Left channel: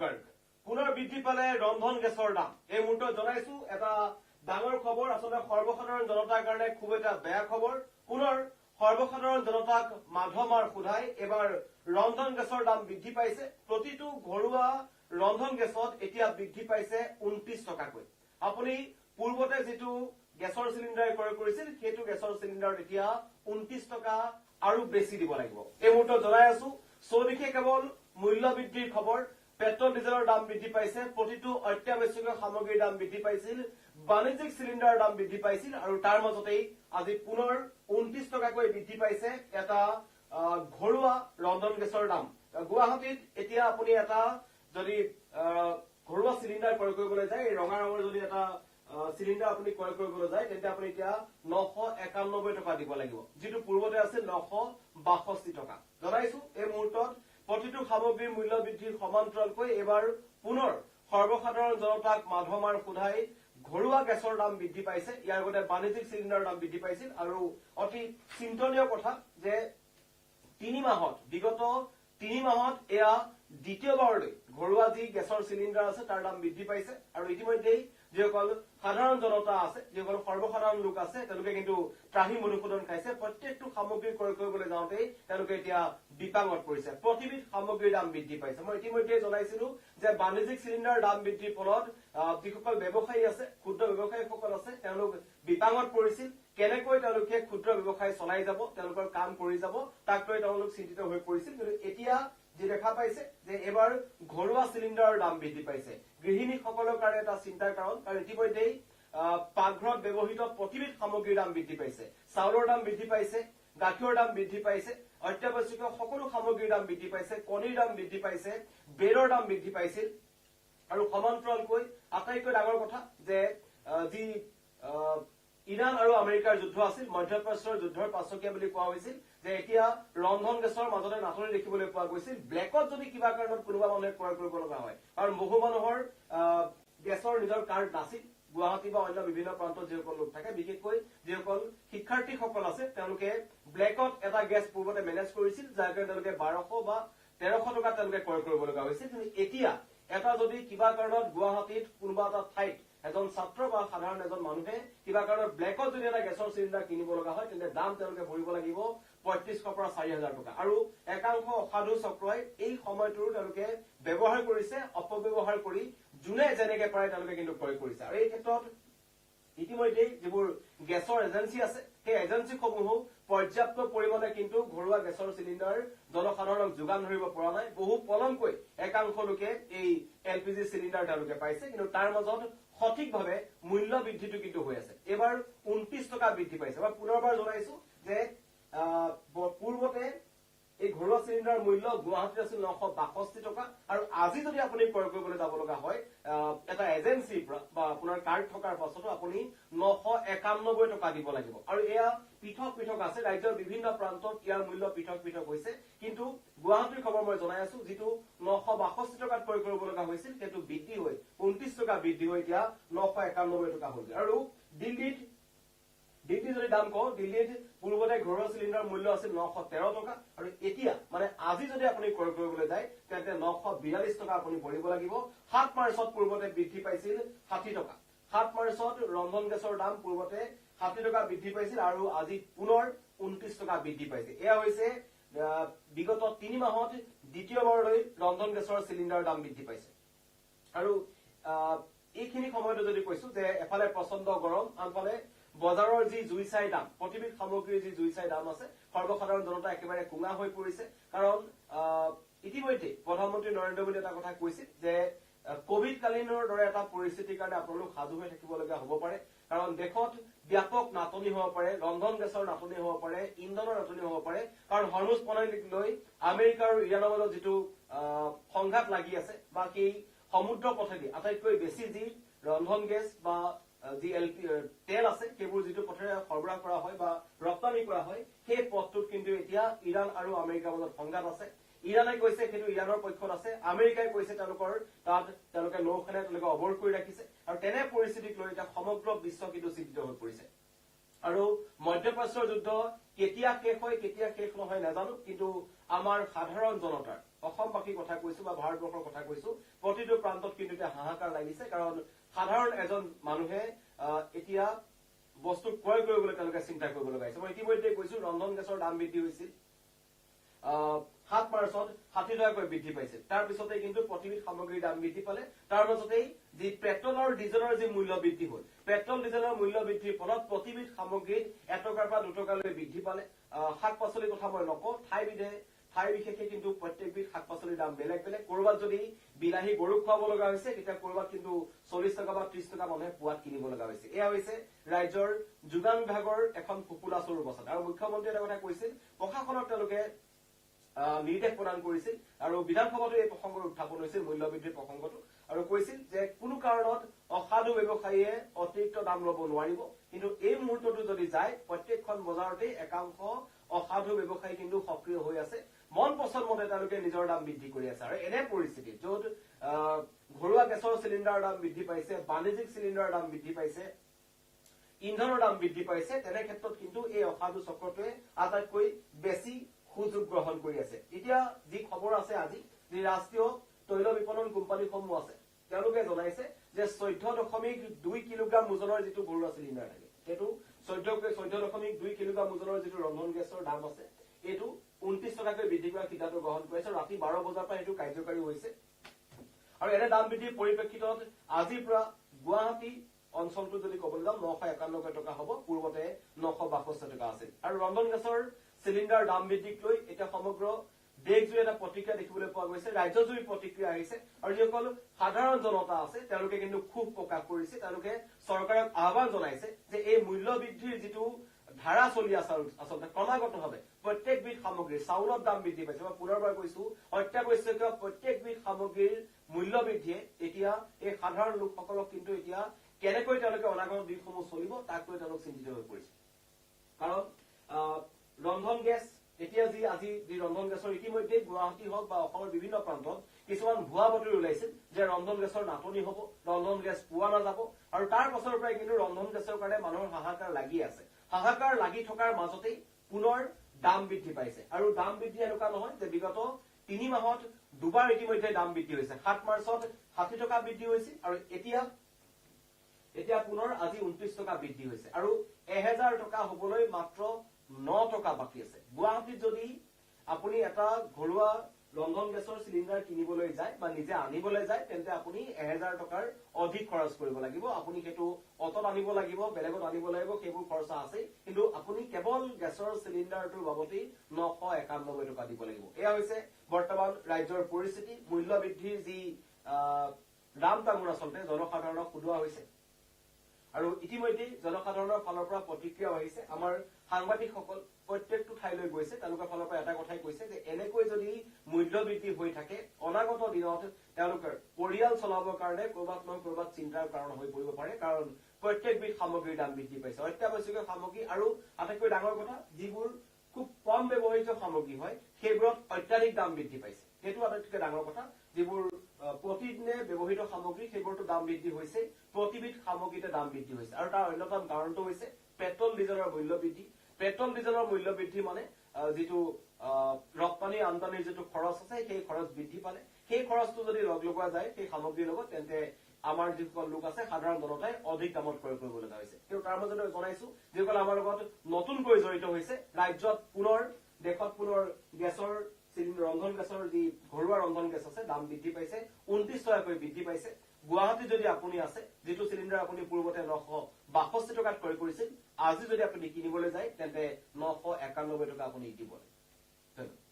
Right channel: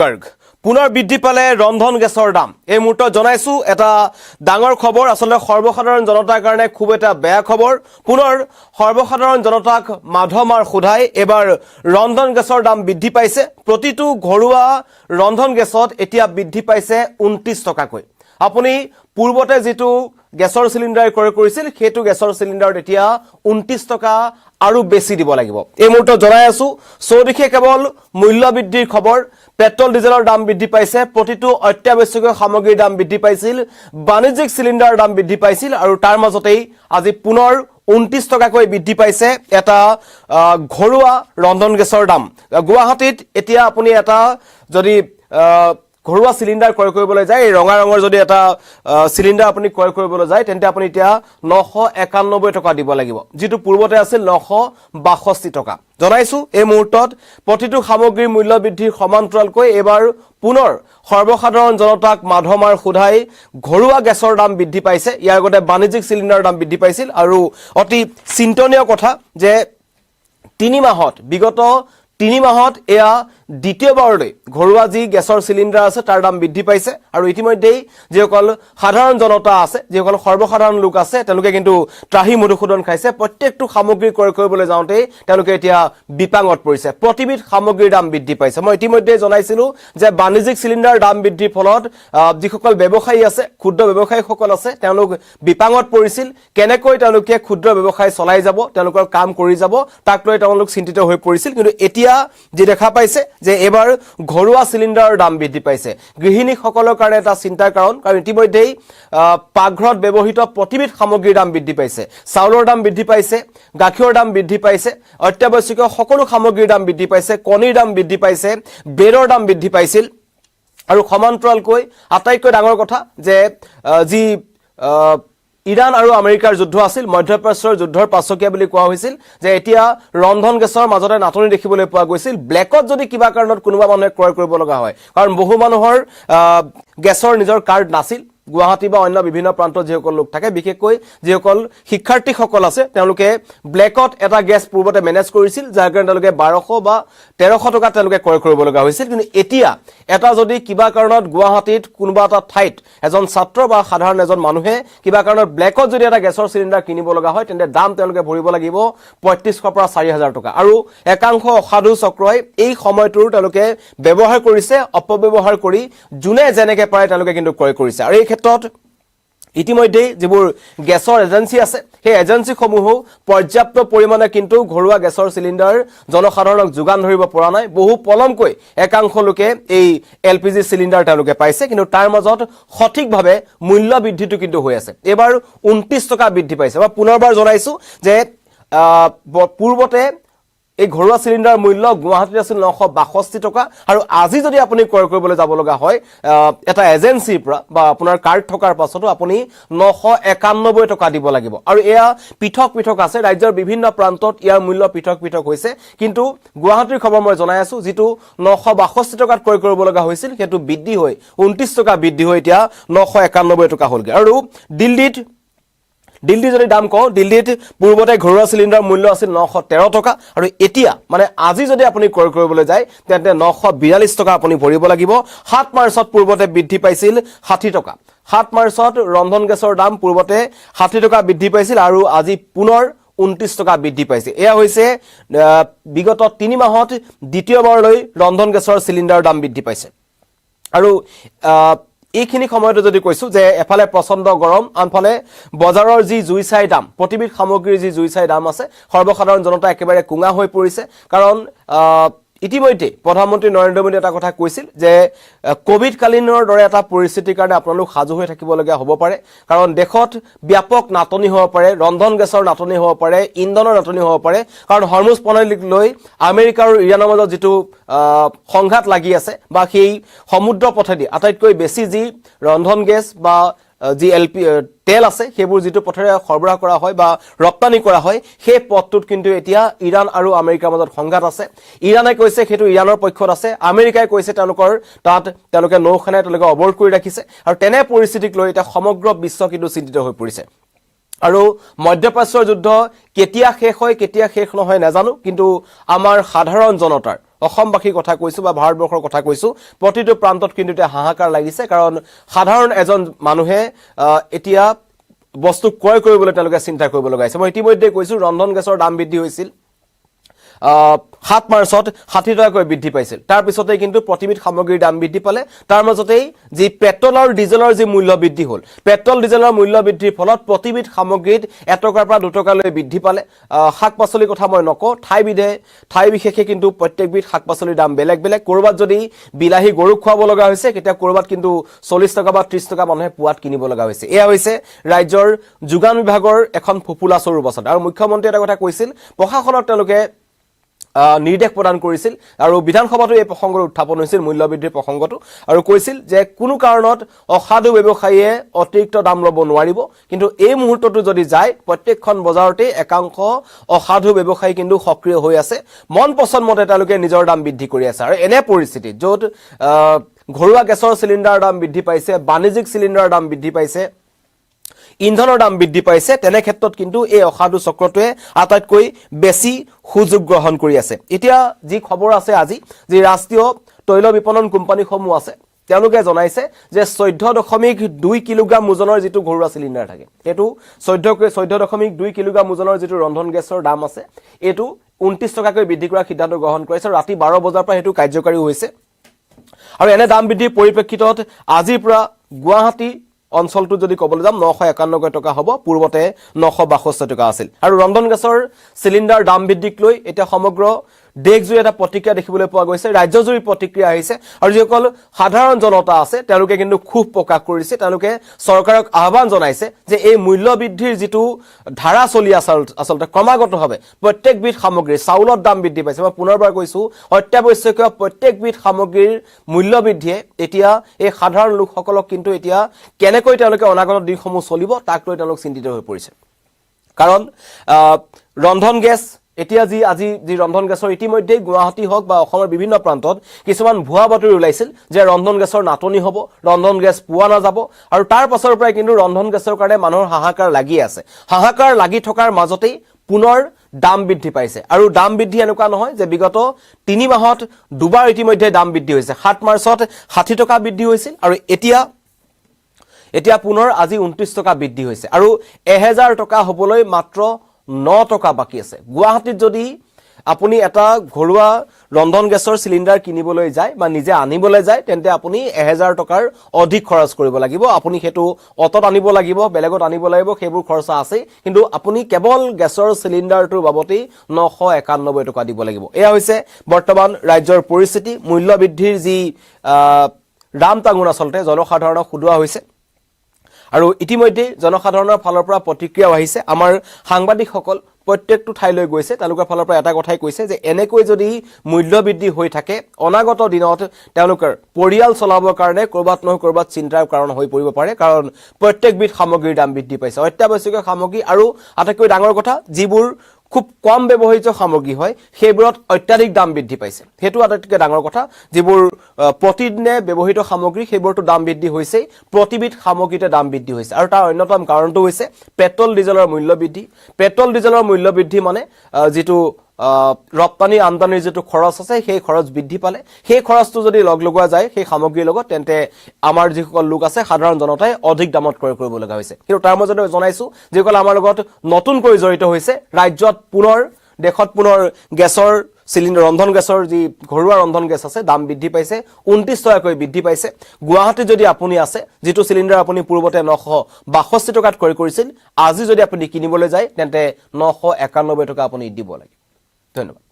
গাৰ্গ পুনৰ বৃদ্ধি পালে ৰন্ধন গেছৰ দাম এই মুহূৰ্তত জনাইছো এটা ডাঙৰ খবৰ আসলে সৰ্বসাধাৰণ জনতাৰ কাৰণে খুব এটা বেয়া খবৰ পুনৰ সৰ্বসাধাৰণ জনতাক মাধমাৰ খুধাই এবাৰ ৰন্ধন গেছৰ দাম বৃদ্ধি পাইছে প্ৰতিটো ঘৰুৱা ৰন্ধন গেছত এতিয়া বৃদ্ধি পাইছে 29 টকাকৈ আপুনি পূৰ্বতে যেটো গেছৰ সিলিন্ডাৰ ক্ৰয় কৰিছিল হেতু গেছৰ সিলিন্ডাৰত এতিয়া 29 টকা আৰু বেছি দিব লাগিব এই মুহূৰ্তত জনাই আছো সৌদিখে কেৱল মূল্য বৃদ্ধিৰ খবৰ পেট্ৰল ডিজেলৰ দাম বৃদ্ধি পাইছে প্ৰতিটো অত্যাৱশ্যকীয় সামগ্ৰীৰ দাম বৃদ্ধি পাইছিল বাণিজ্যিক সিলিন্ডাৰৰ দাম বৃদ্ধি পাইছিল আৰু তাৰ মাজতেই আজি পুনৰ 29 টকাকৈ বৃদ্ধি পাইছে এটা ঘৰুৱা ৰন্ধন গেছৰ দাম গুৱাহাটীত এতিয়া আপুনি এটা যদি ঘৰুৱা সিলিন্ডাৰ ক্ৰয় কৰিবলৈ যায় এই ৰঙা ৰঙৰ যদি এটা সিলিন্ডাৰ আপুনি ক্ৰয় কৰিবলৈ যায় তেন্তে আপুনি এতিয়া 991 টকা দিব লাগিব যেটো পূৰ্বতে আছিল 962 টকা জনাইছো এই মুহূৰ্তত প্ৰতিটো সামগ্ৰীৰ মূল্য বৃদ্ধিৰ সমান্তৰালকৈ এবাৰ পুনৰ সৰ্বসাধাৰণ জনতাক মাধমাৰ খুধাই ঘৰুৱা গেছৰ দাম বৃদ্ধি পাইছে ইয়াৰ আগতে বাণিজ্যিক সিলিন্ডাৰৰ দাম বৃদ্ধি পাইছিল আৰু অতি চিন্তনীয় কথা যে 3 মাহত বিগত 3 মাহত এয়া দ্বিতীয়বাৰলৈ ঘৰুৱা যি গেছৰ সিলিন্ডাৰ আছে তাৰ দাম বৃদ্ধি পাইছে আৰু ইতিমধ্যেই যেসকল সাধাৰণ জনতা আছে যেসকল সৰ্বসাধাৰণ লোক আছে তেওঁলোকে কিন্তু ত্ৰাহি মধুসূদন খাইছে প্ৰত্যেকটো সামগ্ৰী ক্ৰয় কৰিবলৈ যাওঁতে তেওঁলোকে এতিয়া বিপাঙত পৰিছে প্ৰতিবিধ সামগ্ৰীৰ দাম বৃদ্ধি পাইছে মই ইতিমধ্যেই জনাইছিলো যে বাণিজ্যিক সিলিন্ডাৰ দাম বৃদ্ধিৰ ফলত যিসকল ব্যৱসায়ী আছে ক্ষুদ্ৰ ব্যৱসায়ীসকল আছে তেওঁলোক বিপাঙত পৰিছিল কেনেকৈ তেওঁলোকে ক্ষুদ্ৰ ব্যৱসায় চলাই যাব তেওঁলোকৰ কাম কৰি যাব তাক লৈ তেওঁলোক চিন্তিত হৈ পৰিছিল কিন্তু এতিয়া যে দেখা পাইছে যে এবাৰ ঘৰুৱা সিলিন্ডাৰৰ দাম বৃদ্ধি পাইছে গৃহিণী সকলৰ কাৰণে এটা চিন্তাৰ কাৰণ ইতিমধ্যেই পাকঘৰত ব্যৱহৃত প্ৰতিবিধ সামগ্ৰীৰ দাম বৃদ্ধি পাইছে চাউলৰ দাম বৃদ্ধি পাইছে গাখীৰৰ দাম বৃদ্ধি পাইছে অত্যাৱশ্যকীয় সকলো সামগ্ৰীৰ দাম বৃদ্ধি পাইছে কণীৰ দাম বৃদ্ধি পাইছে ব্ৰেডৰ দাম বৃদ্ধি পাইছিল আৰু সমান্তৰালকৈ আটাইতকৈ ডাঙৰ কথা যে যি ইৰাণ আৰু আমেৰিকাৰ যুদ্ধ আছিল মধ্যপ্ৰাচ্যৰ যুদ্ধৰ পাছকীয়া বুলি কোৱা হৈছিল যে এতিয়া ৰন্ধন গেছৰ মাজতে নাটনি দেখিবলৈ পোৱা গৈছিল ব্লেকত যদি কিবা কাৰণত কোনোবা মানুহে ক্ৰয় কৰিব লগা হয় কাৰণ বহু মানুহৰ গেছৰ নিজৰ কাৰ্ড নাছিল গুৱাহাটী বা অন্য বিভিন্ন প্ৰান্তত যেসকল লোক থাকে বিশেষকৈ যেসকল শিক্ষাৰ্থীসকল আছে তেওঁলোকে ব্লেকত এটা গেছ পূৰ্বতে মেনেজ কৰিছিল যাৰ কাৰণে তেওঁলোকে 1200 বা 1300 টকা তেওঁলোকে ক্ৰয় কৰিব লগা হৈছিল কিন্তু এতিয়া এটা যদি কিবা কাৰণত গুৱাহাটীত কোনোবা এটা ঠাইত এজন ছাত্ৰ বা সাধাৰণ এজন মানুহে কিবা কাৰণত ব্লেকত যদি এটা গেছৰ সিলিন্ডাৰ কিনিব লগা হয় তেন্তে দাম তেওঁলোকে ভৰিব লাগিব 3500 পৰা 4000 টকা আৰু একাংশ অসাধু চক্ৰই এই সময়টোৰ তেওঁলোকে ব্যৱহাৰ কৰিছে অপব্যৱহাৰ কৰি জুনে যেনেকে পাৰে তেওঁলোকে কিন্তু ক্ৰয় কৰিছে আৰু এই ক্ষেত্ৰত ইতিমধ্যে যিবোৰ গেছৰ এজেন্সি আছে সেই এজেন্সিসমূহ পৰ্যাপ্ত পৰিমাণে কিন্তু ঘৰুৱা গেছৰ সিলিন্ডাৰ জনসাধাৰণক যোগান ধৰিব পৰা নাই বহু পলমকৈ একাংশ লোকে এই এলপিজি সিলিন্ডাৰ তেওঁলোকে পাইছে কিন্তু তাৰ মাজত সঠিকভাৱে মূল্য বৃদ্ধিটো কিন্তু হৈ আছে এবাৰ 29 টকা বৃদ্ধি পাইছে বা পুনৰবাৰ জনাইছো যে পূৰ্বতে এই ঘৰুৱা সিলিন্ডাৰ মূল্য গুৱাহাটীত আছিল 962 টকা আৰু আজি যদি আপুনি ক্ৰয় কৰিবলৈ যাব লগা হয় এটা এজেন্সিৰ পৰা বা আপোনাৰ কাৰ্ড থকাৰ পাছতো আপুনি 991 টকা দিব লাগিব আৰু এয়া পৃথক পৃথক আছে ৰাজ্যৰ বিভিন্ন প্ৰান্তত ইয়াৰ মূল্য পৃথক পৃথক হৈছে কিন্তু গুৱাহাটীৰ খবৰ মই জনাই আছো যেটো 962 টকাত ক্ৰয় কৰিব লগা হৈছিল হেতু বৃদ্ধি হৈ 29 টকা বৃদ্ধি হৈ এতিয়া 991 টকা হ'লগে আৰু দিল্লী যদি দাম কও দিল্লীত পূৰ্বতে ঘৰুৱা সিলিন্ডাৰ মূল্য আছিল 913 টকা আৰু এতিয়া মানে আজি যদি আপুনি ক্ৰয় কৰিবলৈ যায় তেন্তে 942 টকা আপুনি ভৰিব লাগিব 7 মাৰ্চত পূৰ্বতে বৃদ্ধি পাইছিল 60 টকা 7 মাৰ্চত ৰন্ধন গেছৰ দাম পূৰ্বতে 60 টকা বৃদ্ধি পাইছিল আৰু আজি পুনৰ 29 টকা বৃদ্ধি পাইছে এয়া হৈছে বিগত 3 মাহত দ্বিতীয়বাৰলৈ ৰন্ধন গেছৰ সিলিন্ডাৰৰ দাম বৃদ্ধি পাইছে আৰু এইখিনি সময়তে যদি কৈছো যে এফালে প্ৰচণ্ড গৰম আনফালে বজাৰৰ যি জুইচাই দাম প্ৰতিবিধ সামগ্ৰীৰ যি জুইচাই দাম আছে সৰ্বসাধাৰণ জনতা একেবাৰে কুঙা হৈ পৰিছে কাৰণ ইতিমধ্যে প্ৰধানমন্ত্ৰী নৰেন্দ্ৰ মোদী এটা কথা কৈছিল যে কোভিড কালীনৰ দৰে এটা পৰিস্থিতিৰ কাৰণে আপোনালোক সাজু হৈ থাকিবলগীয়া হ'ব পাৰে কাৰণ দেশত ব্যাপক নাটনি হ'ব পাৰে ৰন্ধন গেছৰ নাটনি হ'ব পাৰে ইন্ধনৰ নাটনি হ'ব পাৰে কাৰণ হৰমুজ প্ৰণালীক লৈ আমেৰিকা আৰু ইৰাণৰ মাজত যেটো সংঘাত লাগি আছে বা সেই সমুদ্ৰ পথেদি আটাইতকৈ বেছি যি ৰন্ধন গেছ বা যি তেল আছে সেইবোৰ যেটো পথৰে সৰবৰাহ কৰা হয় বা ৰপ্তানি কৰা হয় সেই পথটোত কিন্তু এতিয়া ইৰাণ আৰু আমেৰিকাৰ মাজত সংঘাত আছে ইৰাণে কৈছে হেতু ইৰাণৰ পক্ষত আছে আমেৰিকাই কৈছে তেওঁলোকে নৌসেনাই তেওঁলোকে অৱৰোধ কৰি ৰাখিছে আৰু তেনে পৰিস্থিতিক লৈ এটা সমগ্ৰ বিশ্ব কিন্তু চিন্তিত হৈ পৰিছে আৰু মধ্যপ্ৰাচ্যৰ যুদ্ধ কেতিয়া শেষ হয় কেতিয়া শেষ নহয় নাজানো কিন্তু আমাৰ সাধাৰণ জনতাৰ অসমবাসীৰ কথা কৈছো বা ভাৰতবৰ্ষৰ কথা কৈছো প্ৰতিটো প্ৰান্তত কিন্তু এটা হাহাকাৰ লাগিছে কাৰণ সাধাৰণ এজন মানুহে এতিয়া বস্তু ক্ৰয় কৰিবলৈ তেওঁলোকে চিন্তা কৰিব লগা হৈছে মই ইতিমধ্যে কৈছো ৰন্ধন গেছৰ দাম বৃদ্ধি হৈছিল 7 মাৰ্চত 60 টকাকৈ বৃদ্ধি পাইছিল তাৰ পিছতে কিন্তু প্ৰতিবিধ সামগ্ৰীৰ দাম বৃদ্ধি পালে তাৰ মাজতেই যি পেট্ৰল আৰু ডিজেলৰ যি মূল্য বৃদ্ধি হ'ল পেট্ৰল ডিজেলৰ মূল্য বৃদ্ধিৰ ফলত প্ৰতিবিধ সামগ্ৰীত 1 টকাৰ পৰা 2 টকালৈ বৃদ্ধি পালে শাক-পাচলিৰ কথা মই নকওঁ ঠাই বিশেষে কিন্তু প্ৰত্যেকবিধ শাক-পাচলিৰ দাম বেলেগ বেলেগ কৰবাত যদি বিলাহী গৰুক খুৱাব লগা হৈছে কেতিয়া কৰবাত কিন্তু 40 টকা বা 30 টকা মানুহে পুৱাত কিনিব লগা হৈছে এয়া হৈছে ৰাজ্যৰ যোগান বিভাগৰ এখন ফুপুলা স্বৰূপ আছে আৰু মুখ্যমন্ত্ৰী এটা কথা কৈছিল প্ৰশাসনত তেওঁলোকে নিৰ্দেশ প্ৰদান কৰিছিল আৰু বিধানসভাতো এই প্ৰসংগৰ উত্থাপন হৈছিল মূল্যবৃদ্ধিৰ প্ৰসংগটো আৰু কৈছিল যে কোনো কাৰণত অসাধু ব্যৱসায়ীয়ে অতিৰিক্ত দাম ল'ব নোৱাৰিব কিন্তু এই মুহূৰ্তটো যদি যায় প্ৰত্যেকখন বজাৰতে একাংশ অসাধু ব্যৱসায়ী কিন্তু সক্ৰিয় হৈ আছে মন পছন্দ মতে তেওঁলোকে নিজৰ দাম বৃদ্ধি কৰি আছে আৰু এনে পৰিস্থিতিত য'ত ঘৰুৱা গেছৰ চিলিণ্ডাৰৰ দাম বৃদ্ধি পাইছে বাণিজ্যিক চিলিণ্ডাৰৰ দাম বৃদ্ধি পাইছে ইন্ধনৰ দাম বৃদ্ধি পাইছে তেনে ক্ষেত্ৰত কিন্তু এই অসাধু চক্ৰটোৱে আটাইতকৈ বেছি সুযোগ গ্ৰহণ কৰি আছে এতিয়া যি খবৰ আছে আজি যি ৰাষ্ট্ৰীয় তৈল বিপণন কোম্পানীসমূহ আছে তেওঁলোকে জনাইছে যে 14.2 কিলোগ্ৰাম ওজনৰ যেটো ঘৰুৱা চিলিণ্ডাৰ থাকে এটো 14.2 কিলোগ্ৰাম ওজনৰ যেটো ৰন্ধন গেছৰ দাম আছে এটো 29 টকাকৈ বৃদ্ধি কৰাৰ সিদ্ধান্ত গ্ৰহণ কৰিছে ৰাতি 12 বজাৰ পৰা হেতু কাৰ্যকৰী হৈছে আৰু এনে দাম বৃদ্ধিৰ পৰিপ্ৰেক্ষিতত আজিৰ পৰা গুৱাহাটী অঞ্চলটো যদি কবলৈ যাম 991 টকা হ'ব পূৰ্বতে 962 টকা আছিল আৰু ৰন্ধন গেছৰ চিলিণ্ডাৰ দাম বৃদ্ধিক লৈ এটা সমগ্ৰ দেশজুৰি এটা প্ৰতিক্ৰিয়া দেখিবলৈ পোৱা গৈছে ৰাজ্যজুৰি প্ৰতিক্ৰিয়া আহিছে আৰু যিসকল সাধাৰণ জনতা আছে তেওঁলোকে কিন্তু খুব প্ৰকাশ কৰিছে তেওঁলোকে চৰকাৰক আহ্বান জনাইছে যে এই মূল্য বৃদ্ধিৰ যেটো ধাৰা চলি আছে আসলতে ক্ৰমাগতভাৱে প্ৰত্যেকবিধ সামগ্ৰী চাউলৰ দাম বৃদ্ধি পাইছে মই পুনৰবাৰ কৈছো অত্যাৱশ্যকীয় প্ৰত্যেকবিধ সামগ্ৰীৰ মূল্য বৃদ্ধিয়ে এতিয়া এই সাধাৰণ লোকসকলক কিন্তু এতিয়া কেনেকৈ তেওঁলোকে অনাগত দিনসমূহ চলিব তাক লৈ তেওঁলোক চিন্তিত হৈ পৰিছে কাৰণ ৰন্ধন গেছ এতিয়া আজি ৰন্ধন গেছৰ ইতিমধ্যে গুৱাহাটী হওক বা অসমৰ বিভিন্ন প্ৰান্তত কিছুমান ভুৱা বাতৰি ওলাইছিল যে ৰন্ধন গেছৰ নাটনি হ'ব ৰন্ধন গেছ পোৱা নাযাব আৰু তাৰ পাছৰ পৰাই কিন্তু ৰন্ধন গেছৰ কাৰণে মানুহৰ হাহাকাৰ লাগি আছে হাহাকাৰ লাগি থকাৰ মাজতেই পুনৰ দাম বৃদ্ধি পাইছে আৰু দাম বৃদ্ধি এনেকুৱা নহয় যে বিগত 3 মাহত দুবাৰ ইতিমধ্যে দাম বৃদ্ধি হৈছে 7 মাৰ্চত 60 টকা বৃদ্ধি হৈছিল আৰু এতিয়া পুনৰ আজি 29 টকা বৃদ্ধি হৈছে আৰু 1000 টকা হ'বলৈ মাত্ৰ 9 টকা বাকি আছে গুৱাহাটীত যদি আপুনি এটা ঘৰুৱা ৰন্ধন গেছৰ চিলিণ্ডাৰ কিনিবলৈ যায় বা নিজে আনিবলৈ যায় তেন্তে আপুনি 1000 টকাৰ অধিক খৰচ কৰিব লাগিব আপুনি হেতু অটত আনিব লাগিব বেলেগত আনিব লাগিব সেইবোৰ খৰচ আছে কিন্তু আপুনি কেৱল গেছৰ চিলিণ্ডাৰটোৰ বাবতি 991 টকা দিব লাগিব এয়া হৈছে বৰ্তমান ৰাজ্যৰ পৰিস্থিতি মূল্য বৃদ্ধিৰ যি ৰাম টাঙোন আসলতে জনসাধাৰণক খুদুৱা হৈছে আৰু ইতিমধ্যে জনসাধাৰণৰ ফালৰ পৰা প্ৰতিক্ৰিয়া আহিছে আমাৰ সাংবাদিকসকল প্ৰত্যেকটো ঠাইলৈ গৈছে তেওঁলোকৰ ফালৰ পৰা এটা কথাই কৈছে যে এনেকৈ যদি মূল্য বৃদ্ধি হৈ থাকে অনাগত দিনত তেওঁলোকৰ পৰিয়াল চলাবৰ কাৰণে কৰবাত নহয় কৰবাত চিন্তাৰ কাৰণ হৈ পৰিব পাৰে কাৰণ প্ৰত্যেকবিধ সামগ্ৰীৰ দাম বৃদ্ধি পাইছে অত্যাৱশ্যকীয় সামগ্ৰী আৰু আটাইতকৈ ডাঙৰ কথা যিবোৰ খুব কম ব্যৱহৃত সামগ্ৰী হয় সেইবোৰত অত্যাধিক দাম বৃদ্ধি পাইছে হেতু আটাইতকৈ ডাঙৰ কথা যিবোৰ প্ৰতিদিনে ব্যৱহৃত সামগ্ৰী সেইবোৰটো দাম বৃদ্ধি হৈছে প্ৰতিবিধ সামগ্ৰীতে দাম বৃদ্ধি হৈছে আৰু তাৰ অন্যতম কাৰণটো হৈছে পেট্ৰল ডিজেলৰ মূল্য বৃদ্ধি মানে যেটো ৰপ্তানি আমদানিৰ যেটো খৰচ আছে সেই খৰচ বৃদ্ধি পালে সেই খৰচটো যদি লগলগোৱা যায় সেই সামগ্ৰীৰ লগত তেন্তে আমাৰ যিসকল লোক আছে সাধাৰণ জনতাই অধিক দামত ক্ৰয় কৰিব লগা হৈছে কিন্তু তাৰ মাজতে জনাইছো যিসকল আমাৰ লগত নতুনকৈ জড়িত হৈছে ৰাজ্যত দেশত পুনৰ গেছৰ চিলিণ্ডাৰ ৰন্ধন গেছৰ যি ঘৰুৱা ৰন্ধন গেছ আছে দাম বৃদ্ধি পাইছে 29 টকাকৈ বৃদ্ধি পাইছে গুৱাহাটী যদি আপুনি আছে যেটো চিলিণ্ডাৰ আপুনি পূৰ্বতে 962 টকাত ক্ৰয় কৰিছিল আজি যদি আপুনি কিনিবলৈ যায় তেন্তে 991 টকা আপুনি দিব লাগে ধন্যবাদ